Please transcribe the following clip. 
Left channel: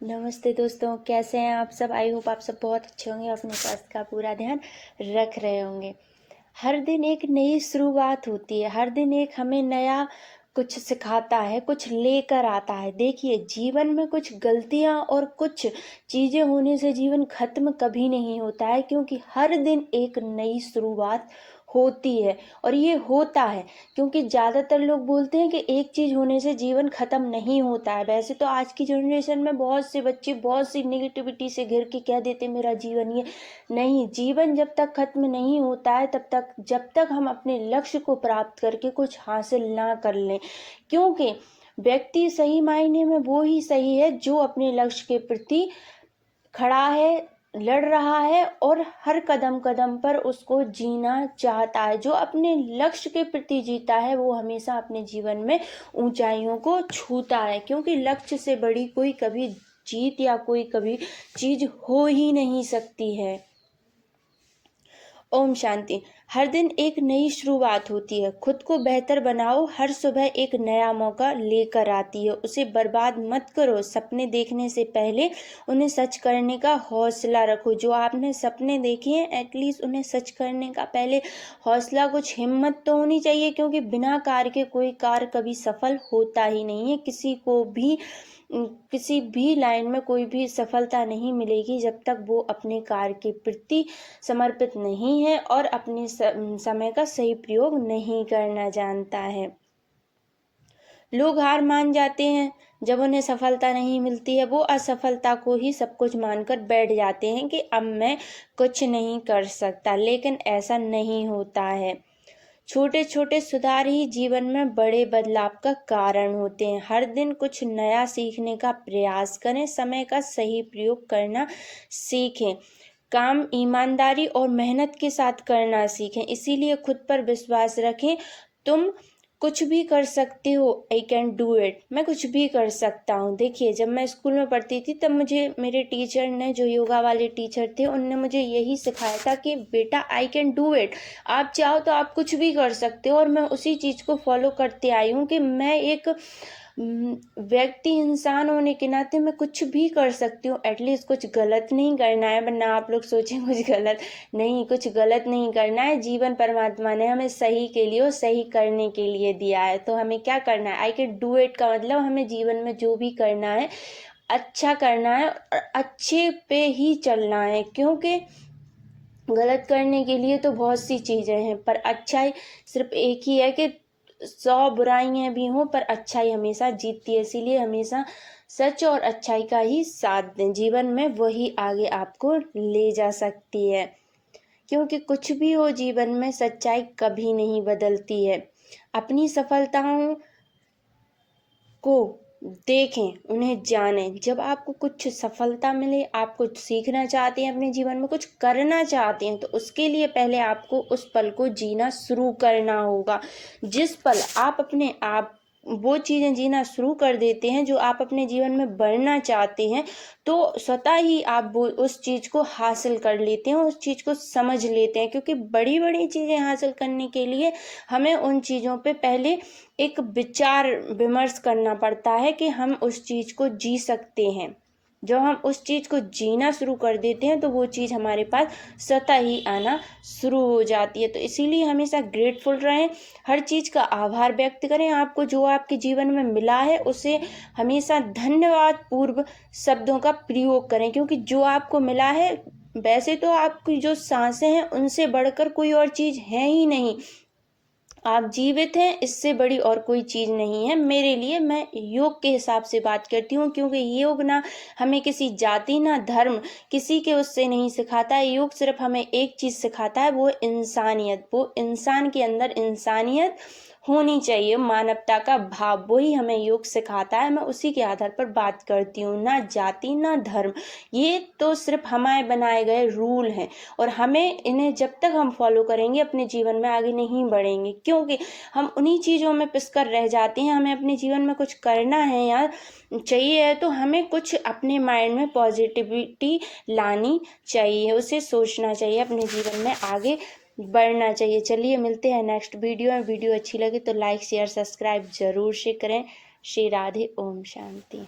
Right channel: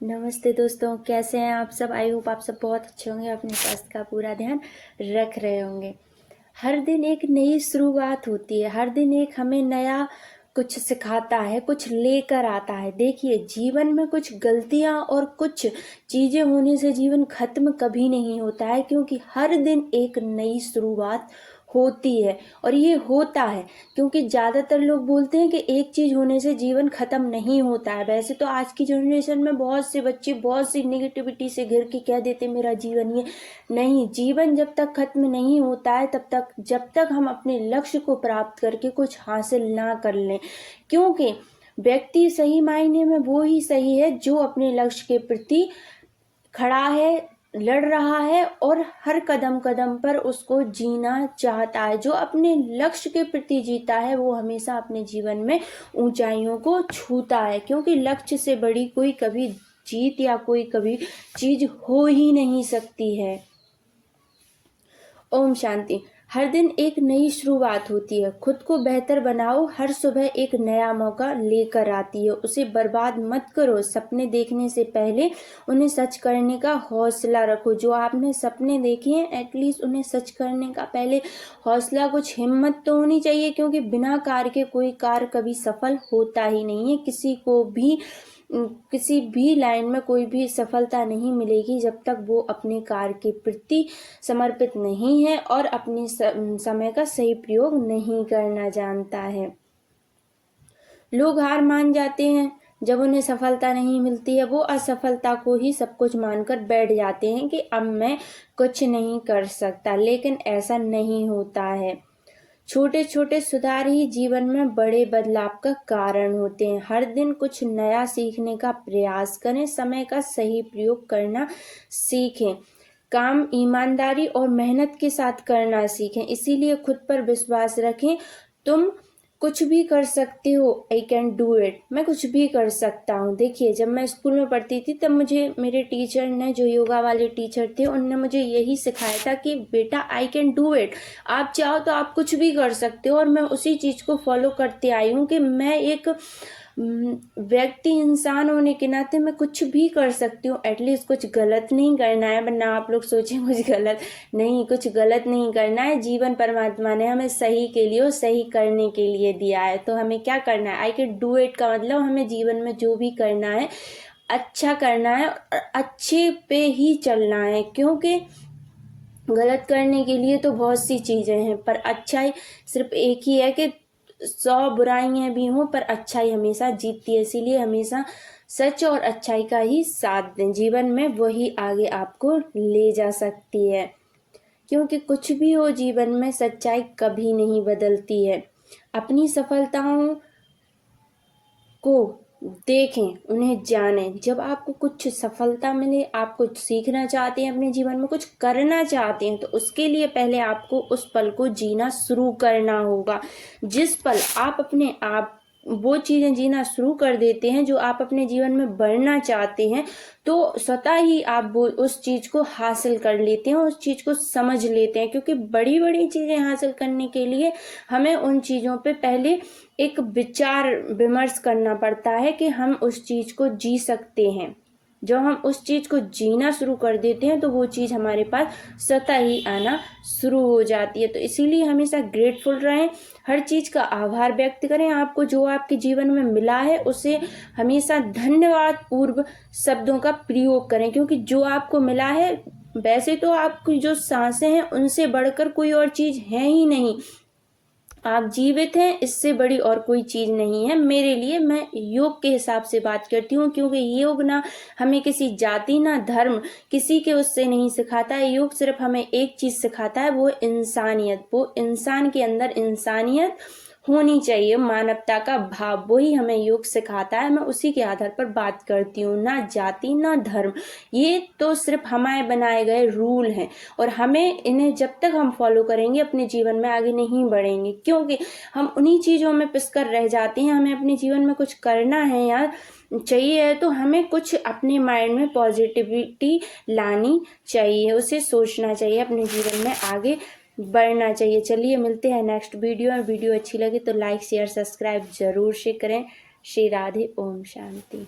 नमस्ते दोस्तों, कैसे हैं आप सब। आई होप आप सब बहुत अच्छे होंगे, अपने स्वास्थ्य का पूरा ध्यान रख रहे होंगे। हर दिन एक नई शुरुआत होती है, हर दिन एक हमें नया कुछ सिखाता है, कुछ लेकर आता है। देखिए, जीवन में कुछ गलतियां और कुछ चीज़ें होने से जीवन खत्म कभी नहीं होता है, क्योंकि हर दिन एक नई शुरुआत होती है। और ये होता है क्योंकि ज़्यादातर लोग बोलते हैं कि एक चीज़ होने से जीवन ख़त्म नहीं होता है। वैसे तो आज की जनरेशन में बहुत से बच्चे बहुत सी नेगेटिविटी से घिर के कह देते मेरा जीवन ये नहीं। जीवन जब तक खत्म नहीं होता है तब तक, जब तक हम अपने लक्ष्य को प्राप्त करके कुछ हासिल ना कर लें, क्योंकि व्यक्ति सही मायने में वो ही सही है जो अपने लक्ष्य के प्रति खड़ा है, लड़ रहा है और हर कदम कदम पर उसको जीना चाहता है। जो अपने लक्ष्य के प्रति जीता है वो हमेशा अपने जीवन में ऊंचाइयों को छूता है, क्योंकि लक्ष्य से बड़ी कोई कभी जीत या कोई कभी चीज हो ही नहीं सकती है। ओम शांति। हर दिन एक नई शुरुआत होती है। खुद को बेहतर बनाओ। हर सुबह एक नया मौका लेकर आती है, उसे बर्बाद मत करो। सपने देखने से पहले उन्हें सच करने का हौसला रखो। जो आपने सपने देखे हैं, एटलीस्ट उन्हें सच करने का पहले हौसला, कुछ हिम्मत तो होनी चाहिए, क्योंकि बिना कार्य के कोई कार्य कभी सफल होता ही नहीं है। किसी भी लाइन में कोई भी सफलता नहीं मिलेगी जब तक वो अपने कार्य के प्रति समर्पित नहीं है और अपने समय का सही प्रयोग नहीं करना जानता है। लोग हार मान जाते हैं जब उन्हें सफलता नहीं मिलती है। वो असफलता को ही सब कुछ मानकर बैठ जाते हैं कि अब मैं कुछ नहीं कर सकता, लेकिन ऐसा नहीं होता है। छोटे छोटे सुधार ही जीवन में बड़े बदलाव का कारण होते हैं। हर दिन कुछ नया सीखने का प्रयास करें। समय का सही प्रयोग करना सीखें। काम ईमानदारी और मेहनत के साथ करना सीखें। इसीलिए खुद पर विश्वास रखें। तुम कुछ भी कर सकते हो। I can do it. मैं कुछ भी कर सकता हूँ। देखिए, जब मैं स्कूल में पढ़ती थी तब मुझे मेरे टीचर ने, जो योगा वाले टीचर थे, उनने मुझे यही सिखाया था कि बेटा आई कैन डू इट। आप चाहो तो आप कुछ भी कर सकते हो। और मैं उसी चीज़ को फॉलो करते आई हूँ कि मैं एक व्यक्ति, इंसान होने के नाते मैं कुछ भी कर सकती हूँ। एटलीस्ट कुछ गलत नहीं करना है, वरना आप लोग सोचें कुछ गलत नहीं, कुछ गलत नहीं करना है। जीवन परमात्मा ने हमें सही के लिए और सही करने के लिए दिया है, तो हमें क्या करना है। आई कैन डू इट का मतलब हमें जीवन में जो भी करना है अच्छा करना है और अच्छे पे ही चलना है, क्योंकि गलत करने के लिए तो बहुत सी चीज़ें हैं, पर अच्छाई सिर्फ एक ही है कि 100 बुराइयां भी हों पर अच्छाई हमेशा जीतती है। इसीलिए हमेशा सच और अच्छाई का ही साथ दें। जीवन में वही आगे आपको ले जा सकती है, क्योंकि कुछ भी हो जीवन में सच्चाई कभी नहीं बदलती है। अपनी सफलताओं को देखें, उन्हें जानें। जब आपको कुछ सफलता मिले, आप कुछ सीखना चाहते हैं, अपने जीवन में कुछ करना चाहते हैं, तो उसके लिए पहले आपको उस पल को जीना शुरू करना होगा। जिस पल आप अपने आप वो चीज़ें जीना शुरू कर देते हैं जो आप अपने जीवन में बढ़ना चाहते हैं, तो स्वतः ही आप वो उस चीज़ को हासिल कर लेते हैं, उस चीज़ को समझ लेते हैं। क्योंकि बड़ी बड़ी चीज़ें हासिल करने के लिए हमें उन चीज़ों पे पहले एक विचार विमर्श करना पड़ता है कि हम उस चीज़ को जी सकते हैं। जब हम उस चीज़ को जीना शुरू कर देते हैं तो वो चीज़ हमारे पास स्वतः ही आना शुरू हो जाती है। तो इसीलिए हमेशा ग्रेटफुल रहें, हर चीज़ का आभार व्यक्त करें। आपको जो आपके जीवन में मिला है उसे हमेशा धन्यवाद पूर्व शब्दों का प्रयोग करें, क्योंकि जो आपको मिला है, वैसे तो आपकी जो सांसें हैं उनसे बढ़कर कोई और चीज़ है ही नहीं। आप जीवित हैं, इससे बड़ी और कोई चीज़ नहीं है मेरे लिए। मैं योग के हिसाब से बात करती हूँ, क्योंकि योग ना हमें किसी जाति ना धर्म किसी के उससे नहीं सिखाता है। योग सिर्फ हमें एक चीज़ सिखाता है, वो इंसानियत। वो इंसान के अंदर इंसानियत होनी चाहिए, मानवता का भाव, वही हमें योग सिखाता है। मैं उसी के आधार पर बात करती हूँ, ना जाति ना धर्म। ये तो सिर्फ हमारे बनाए गए रूल हैं और हमें इन्हें जब तक हम फॉलो करेंगे अपने जीवन में आगे नहीं बढ़ेंगे, क्योंकि हम उन्हीं चीज़ों में पिसकर रह जाते हैं। हमें अपने जीवन में कुछ करना है यार, चाहिए है, तो हमें कुछ अपने माइंड में पॉजिटिविटी लानी चाहिए, उसे सोचना चाहिए, अपने जीवन में आगे बढ़ना चाहिए। चलिए मिलते हैं नेक्स्ट वीडियो में। वीडियो अच्छी लगे तो लाइक शेयर सब्सक्राइब जरूर से करें। श्री राधे। ओम शांति।